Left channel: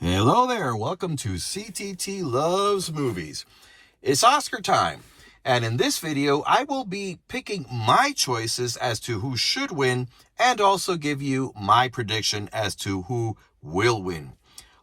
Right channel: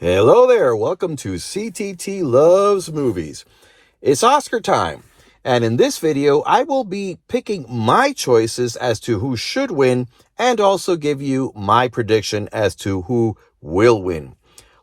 Hello there, welcome to CTT Loves Movies. It's Oscar time, and in this video, I will be picking my choices as to who should win and also give you my prediction as to who will win.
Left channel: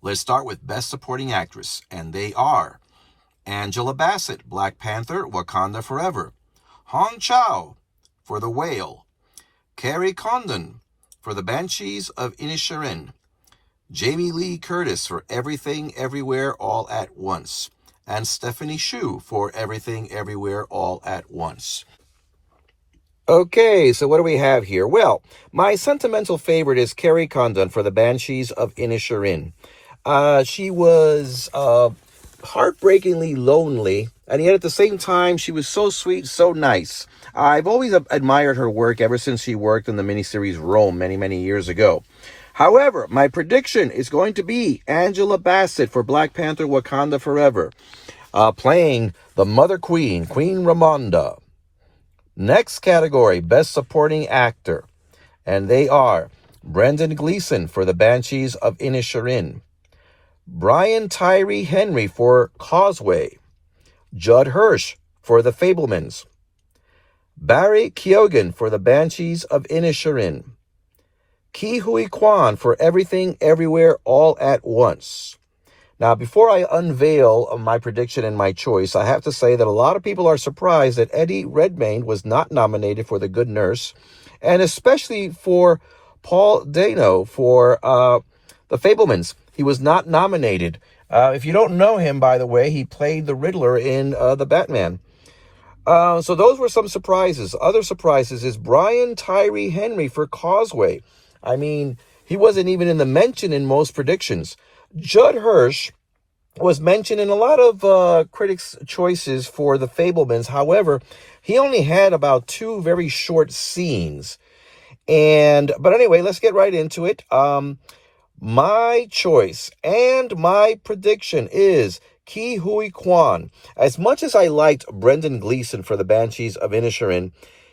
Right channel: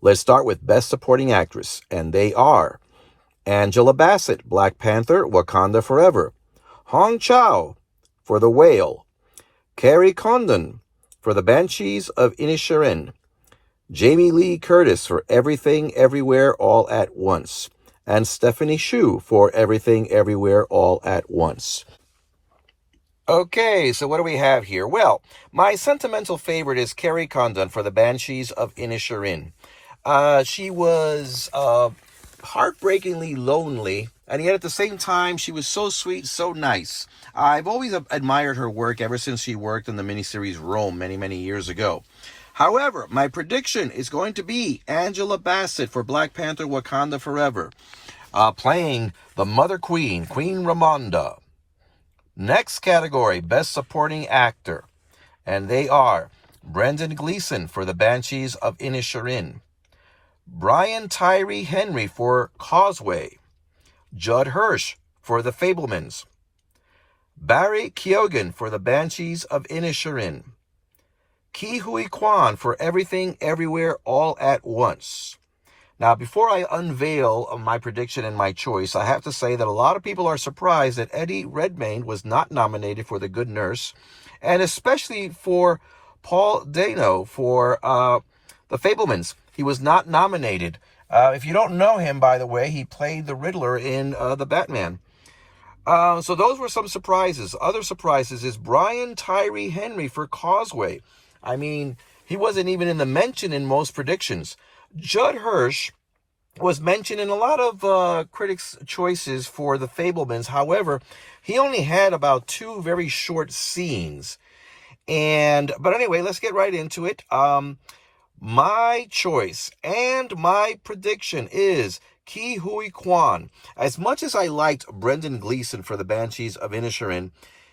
Let's start with Best Supporting Actress, and they are Angela Bassett, Black Panther, Wakanda Forever; Hong Chau for The Whale; Kerry Condon for The Banshees of Inisherin; Jamie Lee Curtis for Everything Everywhere All at Once; and Stephanie Hsu for Everything Everywhere All at Once. Okay, so what do we have here? Well, my sentimental favorite is Kerry Condon for The Banshees of Inisherin. She was heartbreakingly lonely, and yet at the same time, she was so sweet, so nice. I've always admired her work ever since she worked in the miniseries Rome many, many years ago. However, my prediction is going to be Angela Bassett for Black Panther Wakanda Forever, playing the Mother Queen, Queen Ramonda. Next category, Best Supporting Actor, and they are Brendan Gleeson for The Banshees of Inisherin; Brian Tyree Henry for Causeway; Judd Hirsch for The Fabelmans; Barry Keoghan for The Banshees of Inisherin; Ke Huy Quan for Everything Everywhere All at Once. Now, before I unveil my prediction and my choice, I have to say that a lot of people are surprised that Eddie Redmayne was not nominated for The Good Nurse, and especially for Paul Dano for The Fabelmans. He was not nominated. If you don't know him, by the way, he played the Riddler in The Batman. So those were some surprises. Other surprises is Brian Tyree Henry for Causeway. I mean, he wasn't even in the mention in most predictions. Judd Hirsch was mentioned in a lot of critics' choices for The Fabelmans. However, he only had about 2 very short scenes. But anyway, let's get right into it. My choice and my prediction is Ke Huy Quan. As much as I liked Brendan Gleeson for The Banshees of Inisherin,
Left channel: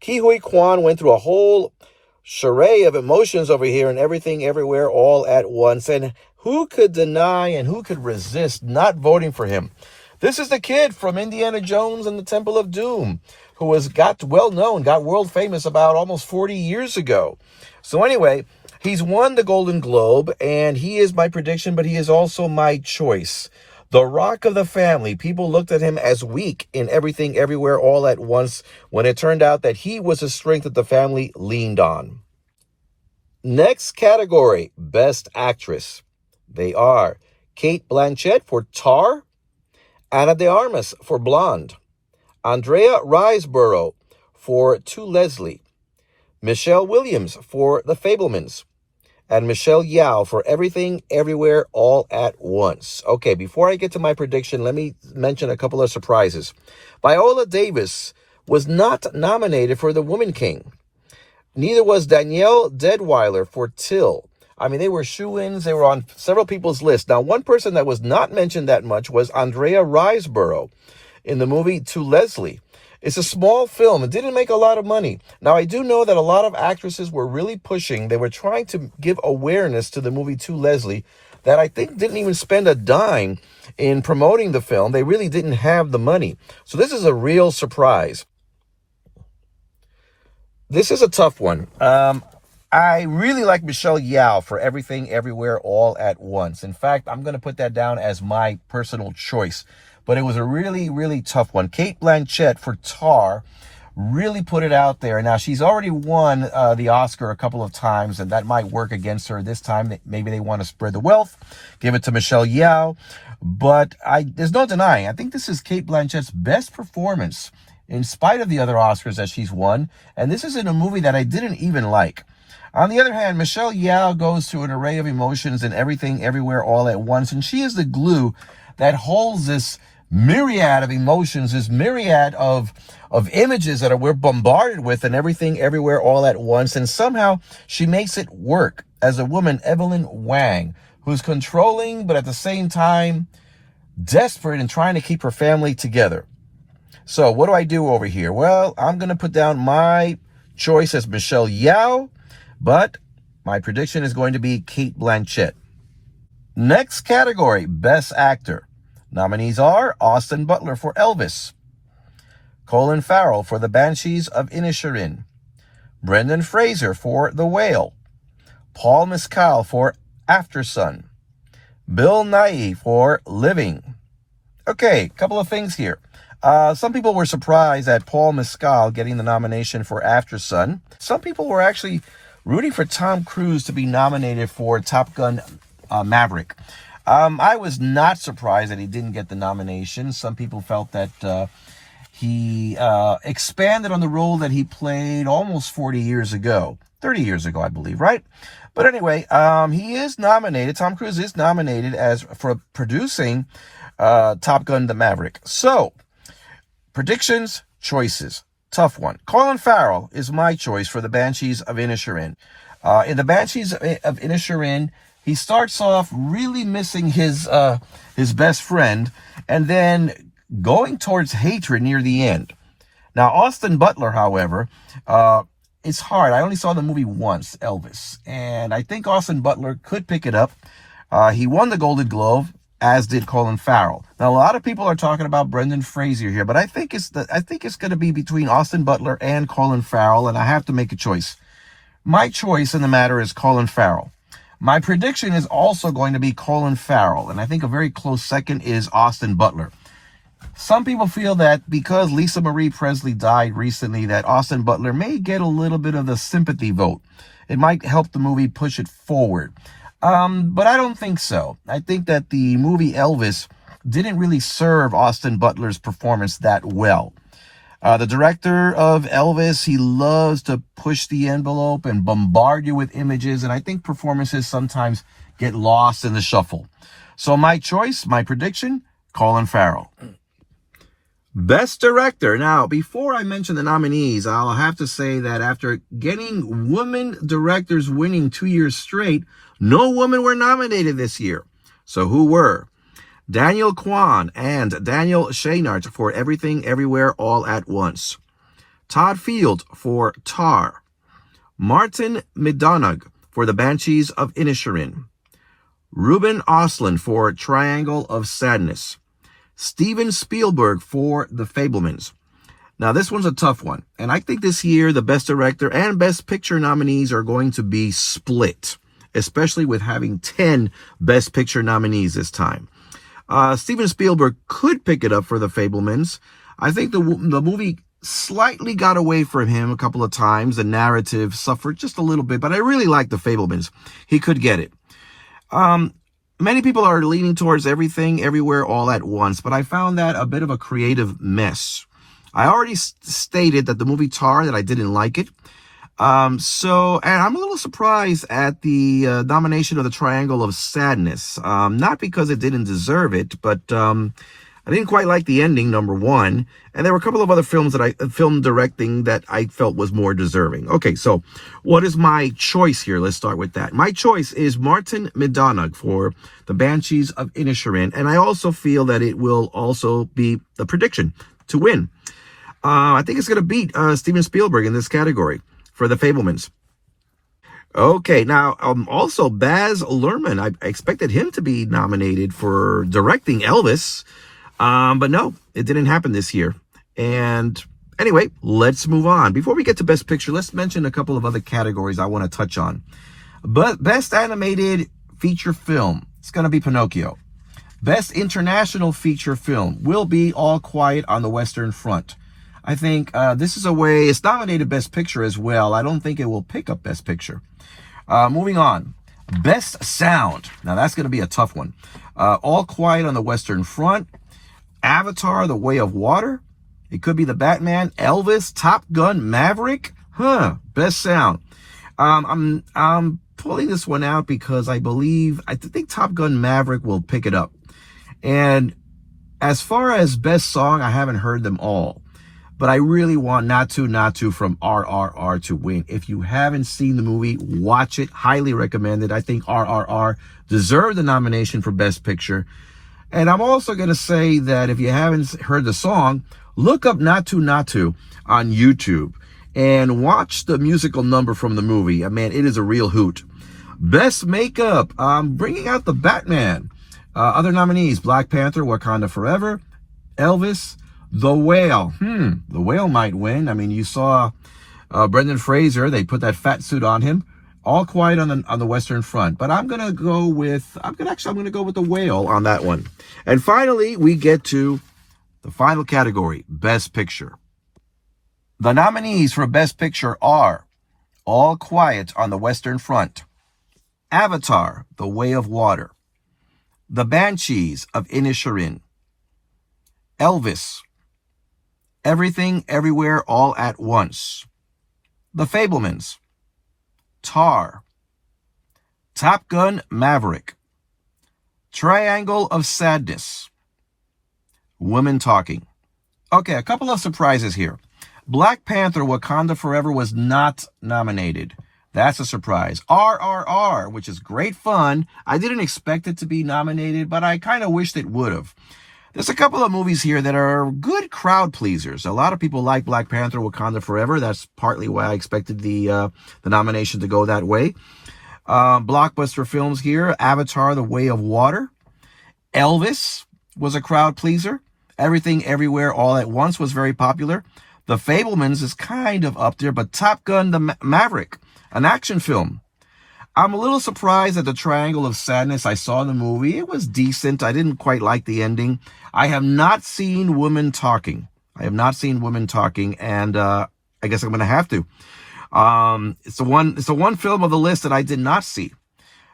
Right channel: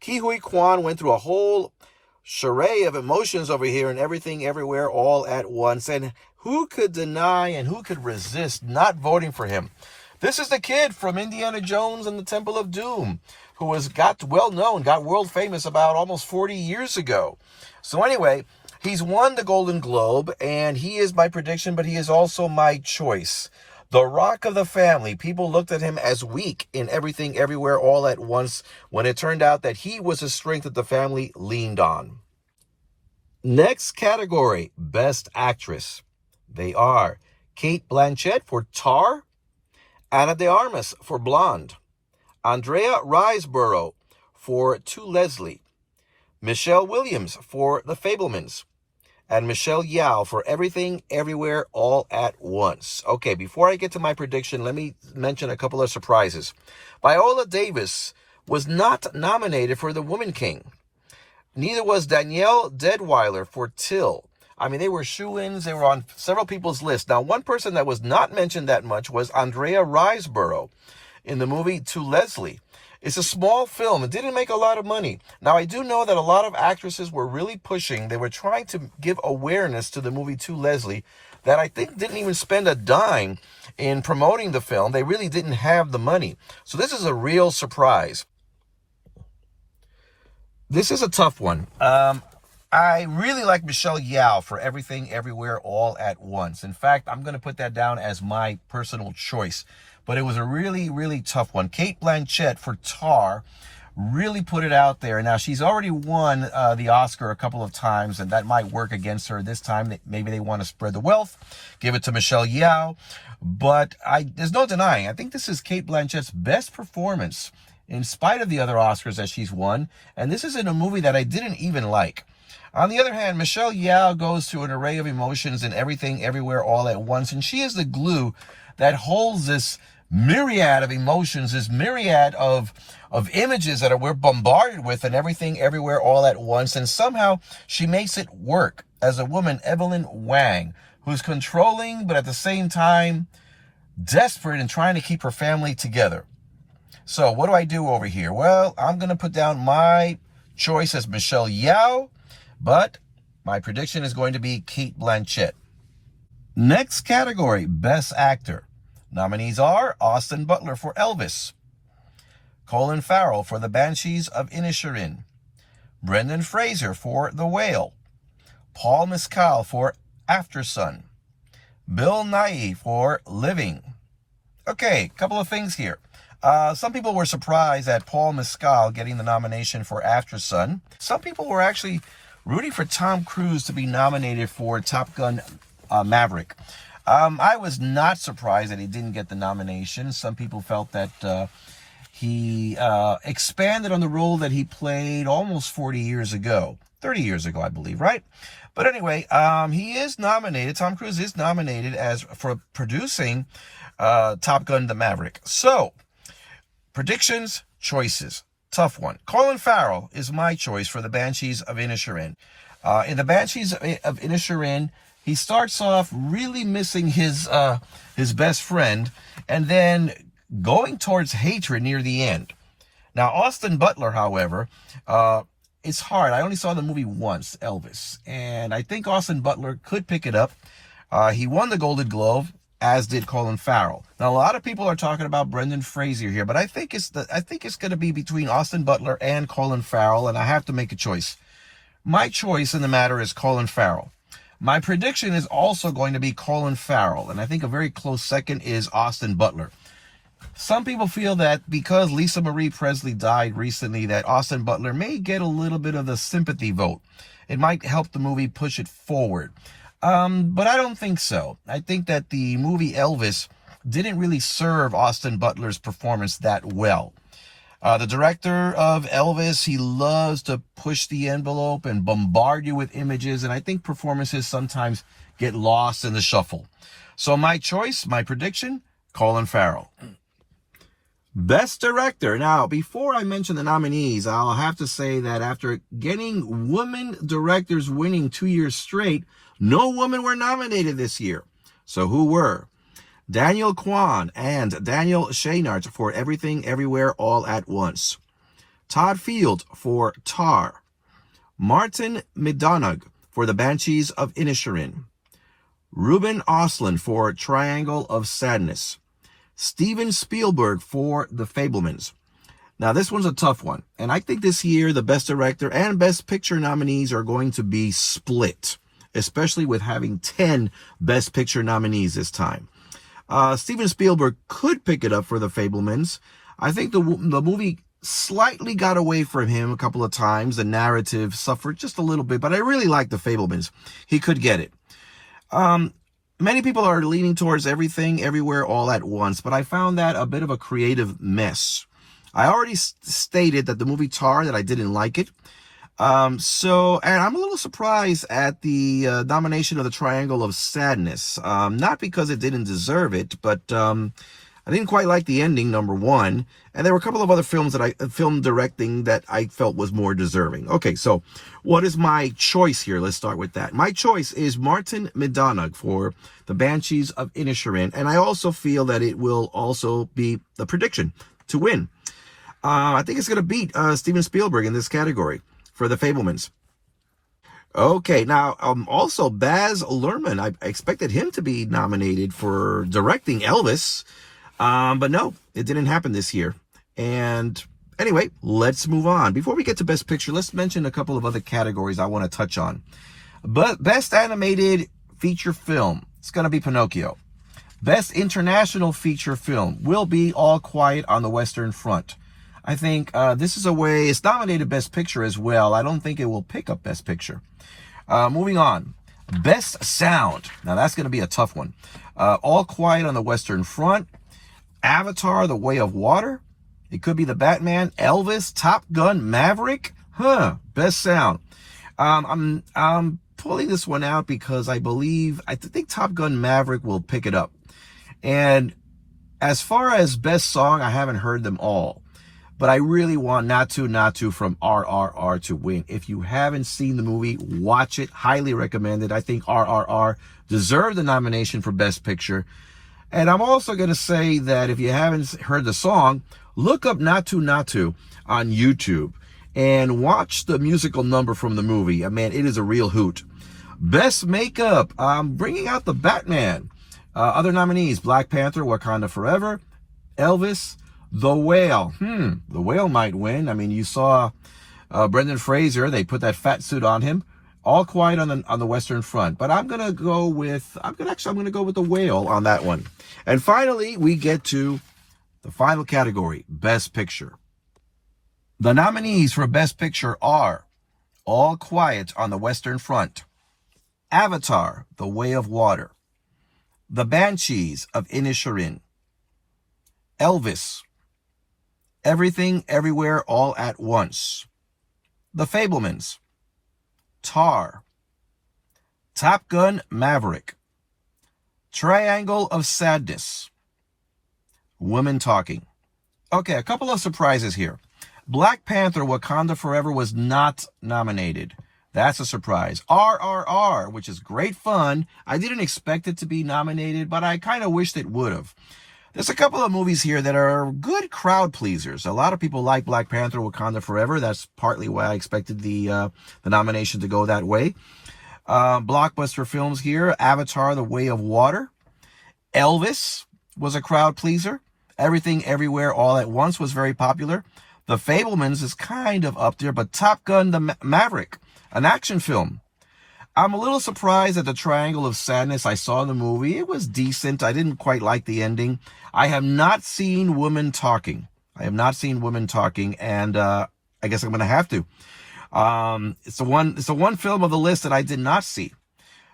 Ke Huy Quan went through a whole charade of emotions over here and Everything Everywhere All at Once. And who could deny and who could resist not voting for him? This is the kid from Indiana Jones and the Temple of Doom who got world famous about almost 40 years ago. So anyway, he's won the Golden Globe, and he is my prediction, but he is also my choice. The Rock of the Family. People looked at him as weak in Everything Everywhere All at Once when it turned out that he was a strength that the family leaned on. Next category, Best Actress. They are Cate Blanchett for Tar; Ana de Armas for Blonde; Andrea Riseborough for To Leslie; Michelle Williams for The Fabelmans; and Michelle Yeoh for Everything Everywhere All at Once. Okay, before I get to my prediction, let me mention a couple of surprises. Viola Davis was not nominated for The Woman King. Neither was Danielle Deadwyler for Till. I mean, they were shoo-ins. They were on several people's lists. Now, one person that was not mentioned that much was Andrea Riseborough in the movie To Leslie. It's a small film. It didn't make a lot of money. Now, I do know that a lot of actresses were really pushing. They were trying to give awareness to the movie To Leslie that I think didn't even spend a dime in promoting the film. They really didn't have the money. So this is a real surprise. This is a tough one. I really like Michelle Yeoh for Everything Everywhere All at Once. In fact, I'm going to put that down as my personal choice. But it was a really, really tough one. Cate Blanchett for Tar really put it out there. Now, she's already won the Oscar a couple of times, and that might work against her this time. Maybe they want to spread the wealth, give it to Michelle Yeoh. But there's no denying, I think this is Cate Blanchett's best performance in spite of the other Oscars that she's won. And this is in a movie that I didn't even like. On the other hand, Michelle Yeoh goes through an array of emotions in Everything Everywhere All at Once, and she is the glue that holds this myriad of emotions, this myriad of images that we're bombarded with in Everything Everywhere All at Once, and somehow she makes it work as a woman, Evelyn Wang, who's controlling but at the same time desperate and trying to keep her family together. So what do I do over here? Well, I'm going to put down my choice as Michelle Yeoh, but my prediction is going to be Cate Blanchett. Next category, Best Actor. Nominees are Austin Butler for Elvis, Colin Farrell for The Banshees of Inisherin, Brendan Fraser for The Whale, Paul Mescal for Aftersun, Bill Nighy for Living. Okay, a couple of things here. Some people were surprised at Paul Mescal getting the nomination for Aftersun. Some people were actually rooting for Tom Cruise to be nominated for Top Gun Maverick. I was not surprised that he didn't get the nomination. Some people felt that he expanded on the role that he played almost 40 years ago. 30 years ago, I believe, right? But anyway, he is nominated. Tom Cruise is nominated for producing Top Gun the Maverick. So, predictions, choices. Tough one. Colin Farrell is my choice for The Banshees of Inisherin. In The Banshees of Inisherin, he starts off really missing his best friend and then going towards hatred near the end. Now, Austin Butler, however, it's hard. I only saw the movie once, Elvis, and I think Austin Butler could pick it up. He won the Golden Globe, as did Colin Farrell. Now, a lot of people are talking about Brendan Fraser here, but I think it's going to be between Austin Butler and Colin Farrell, and I have to make a choice. My choice in the matter is Colin Farrell. My prediction is also going to be Colin Farrell, and I think a very close second is Austin Butler. Some people feel that because Lisa Marie Presley died recently, that Austin Butler may get a little bit of the sympathy vote. It might help the movie push it forward. But I don't think so. I think that the movie Elvis didn't really serve Austin Butler's performance that well. The director of Elvis, he loves to push the envelope and bombard you with images, and I think performances sometimes get lost in the shuffle. So my choice, my prediction, Colin Farrell. Best Director. Now, before I mention the nominees, I'll have to say that after getting women directors winning 2 years straight, no women were nominated this year. So who were? Daniel Kwan and Daniel Scheinert for Everything Everywhere All at Once. Todd Field for Tar. Martin Mcdonagh for The Banshees of Inisherin. Ruben Östlund for Triangle of Sadness. Steven Spielberg for The Fabelmans. Now, this one's a tough one. And I think this year the Best Director and Best Picture nominees are going to be split, especially with having 10 Best Picture nominees this time. Steven Spielberg could pick it up for The Fabelmans. I think the movie slightly got away from him a couple of times. The narrative suffered just a little bit, but I really like The Fabelmans. He could get it. Many people are leaning towards Everything, Everywhere, All at Once, but I found that a bit of a creative mess. I already stated that the movie Tar, that I didn't like it. And I'm a little surprised at the nomination of The Triangle of Sadness. Not because it didn't deserve it, but I didn't quite like the ending, number one. And there were a couple of other films film directing that I felt was more deserving. Okay, so what is my choice here? Let's start with that. My choice is Martin Mcdonagh for The Banshees of Inisherin. And I also feel that it will also be the prediction to win. I think it's going to beat Steven Spielberg in this category for The Fabelmans. Okay, now also Baz Luhrmann. I expected him to be nominated for directing Elvis, but no, it didn't happen this year. And anyway, let's move on. Before we get to Best Picture, let's mention a couple of other categories I want to touch on. But Best Animated Feature Film, it's going to be Pinocchio. Best International Feature Film will be All Quiet on the Western Front. I think this is a way, it's nominated Best Picture as well. I don't think it will pick up Best Picture. Moving on. Best Sound. Now that's going to be a tough one. All Quiet on the Western Front. Avatar, The Way of Water. It could be The Batman, Elvis, Top Gun, Maverick. Best Sound. I'm pulling this one out because I think Top Gun Maverick will pick it up. And as far as Best Song, I haven't heard them all. But I really want Not To from RRR to win. If you haven't seen the movie, watch it. Highly recommended. I think RRR deserved the nomination for Best Picture. And I'm also going to say that if you haven't heard the song, look up Not To on YouTube and watch the musical number from the movie. I mean, it is a real hoot. Best makeup. Bringing out the Batman. Other nominees: Black Panther, Wakanda Forever, Elvis, The Whale. The Whale might win. I mean, you saw Brendan Fraser. They put that fat suit on him. All Quiet on the Western Front. But I'm gonna go with The Whale on that one. And finally, we get to the final category: Best Picture. The nominees for Best Picture are All Quiet on the Western Front, Avatar: The Way of Water, The Banshees of Inisherin, Elvis, Everything Everywhere All at Once, The Fabelmans, Tar, Top Gun: Maverick, Triangle of Sadness, Women Talking. Okay, a couple of surprises here. Black Panther: Wakanda Forever was not nominated. That's a surprise. RRR, which is great fun. I didn't expect it to be nominated, but I kind of wished it would have. There's a couple of movies here that are good crowd pleasers. A lot of people like Black Panther: Wakanda Forever. That's partly why I expected the nomination to go that way. Blockbuster films here: Avatar: The Way of Water. Elvis was a crowd pleaser. Everything Everywhere All at Once was very popular. The Fabelmans is kind of up there, but Top Gun: The Maverick, an action film. I'm a little surprised at the Triangle of Sadness. I saw the movie. It was decent. I didn't quite like the ending. I have not seen Women Talking. And I guess I'm going to have to. It's the one film of the list that I did not see.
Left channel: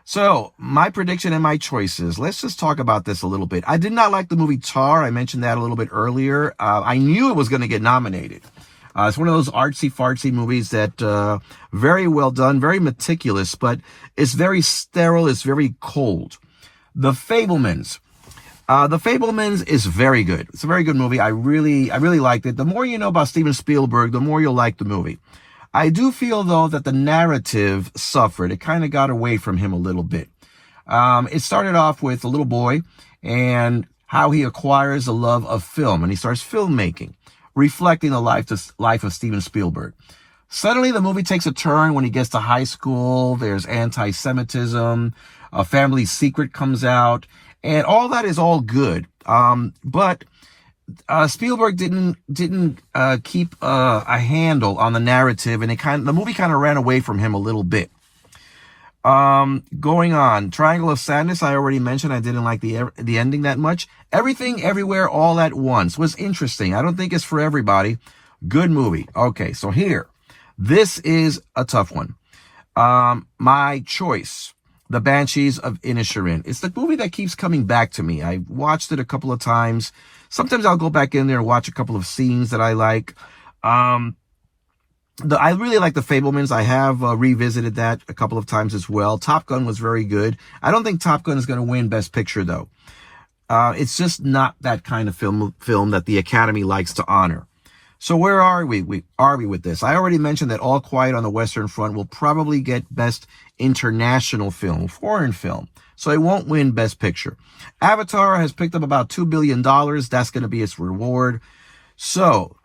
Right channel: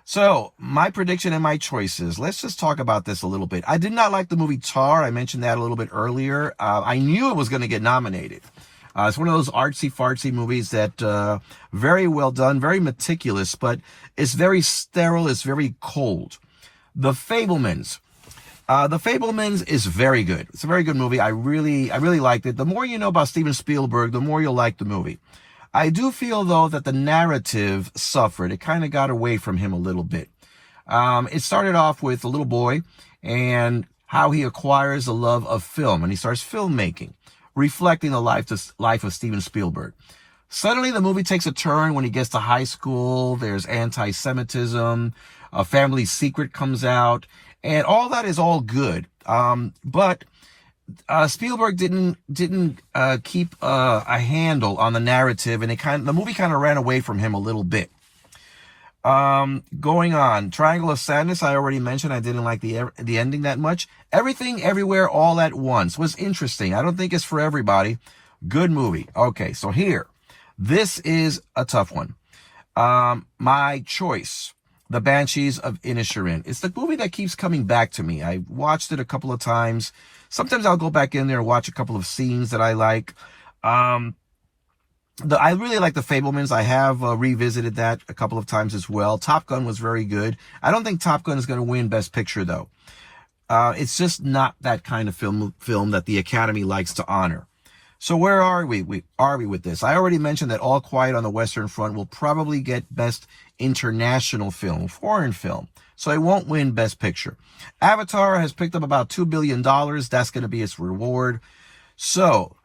So, my prediction and my choices. Let's just talk about this a little bit. I did not like the movie Tar. I mentioned that a little bit earlier. I knew it was going to get nominated. It's one of those artsy-fartsy movies that very well done, very meticulous, but it's very sterile, it's very cold. The Fabelmans. The Fabelmans is very good. It's a very good movie. I really liked it. The more you know about Steven Spielberg, the more you'll like the movie. I do feel, though, that the narrative suffered. It kind of got away from him a little bit. It started off with a little boy and how he acquires the love of film, and he starts filmmaking, reflecting the life of Steven Spielberg. Suddenly, the movie takes a turn when he gets to high school. There's anti-Semitism. A family secret comes out, and all that is all good. But Spielberg didn't keep a handle on the narrative, and the movie kind of ran away from him a little bit. Going on, Triangle of Sadness, I already mentioned. I didn't like the ending that much. Everything Everywhere All at Once was interesting. I don't think it's for everybody. Good movie. Okay, so here, this is a tough one. My choice, The Banshees of Inisherin. It's the movie that keeps coming back to me. I watched it a couple of times. Sometimes I'll go back in there and watch a couple of scenes that I like. I really like The Fabelmans. I have revisited that a couple of times as well. Top Gun was very good. I don't think Top Gun is going to win Best Picture, though. It's just not that kind of film that the Academy likes to honor. So where are we? Are we with this? I already mentioned that All Quiet on the Western Front will probably get Best International Film, foreign film. So it won't win Best Picture. Avatar has picked up about $2 billion. That's going to be its reward. So,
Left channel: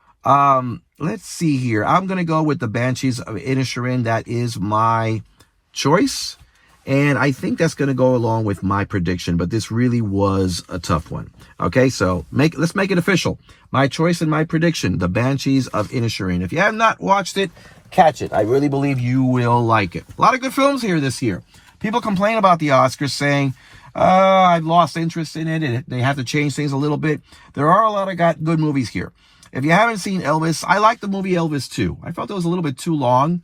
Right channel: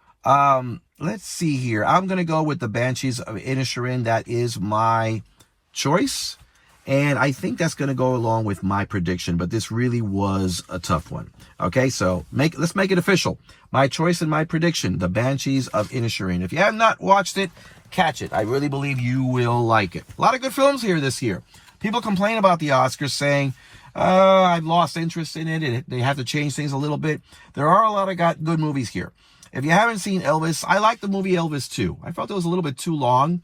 let's see here. I'm going to go with The Banshees of Inisherin. That is my choice. And I think that's going to go along with my prediction. But this really was a tough one. Okay, so let's make it official. My choice and my prediction, The Banshees of Inisherin. If you have not watched it, catch it. I really believe you will like it. A lot of good films here this year. People complain about the Oscars saying, I've lost interest in it. They have to change things a little bit. There are a lot of good movies here. If you haven't seen Elvis, I like the movie Elvis too. I felt it was a little bit too long.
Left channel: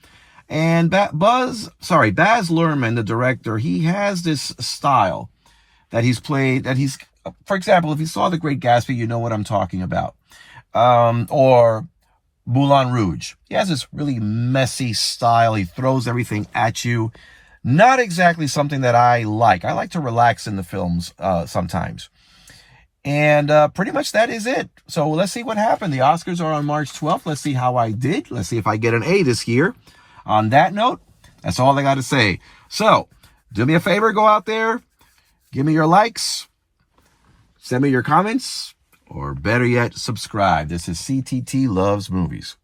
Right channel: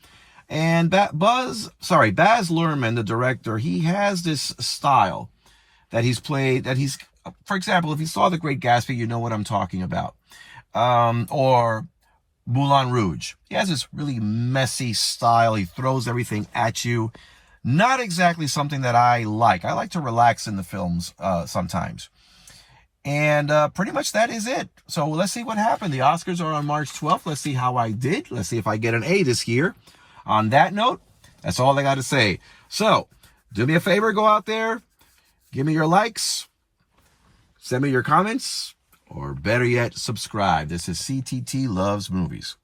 And Baz Luhrmann, the director, he has this style that for example, if you saw The Great Gatsby, you know what I'm talking about. Or Moulin Rouge. He has this really messy style. He throws everything at you. Not exactly something that I like. I like to relax in the films sometimes. And pretty much that is it. So let's see what happened. The Oscars are on March 12th. Let's see how I did. Let's see if I get an A this year. On that note, that's all I got to say. So do me a favor, go out there, give me your likes, send me your comments, or better yet, subscribe. This is CTT Loves Movies.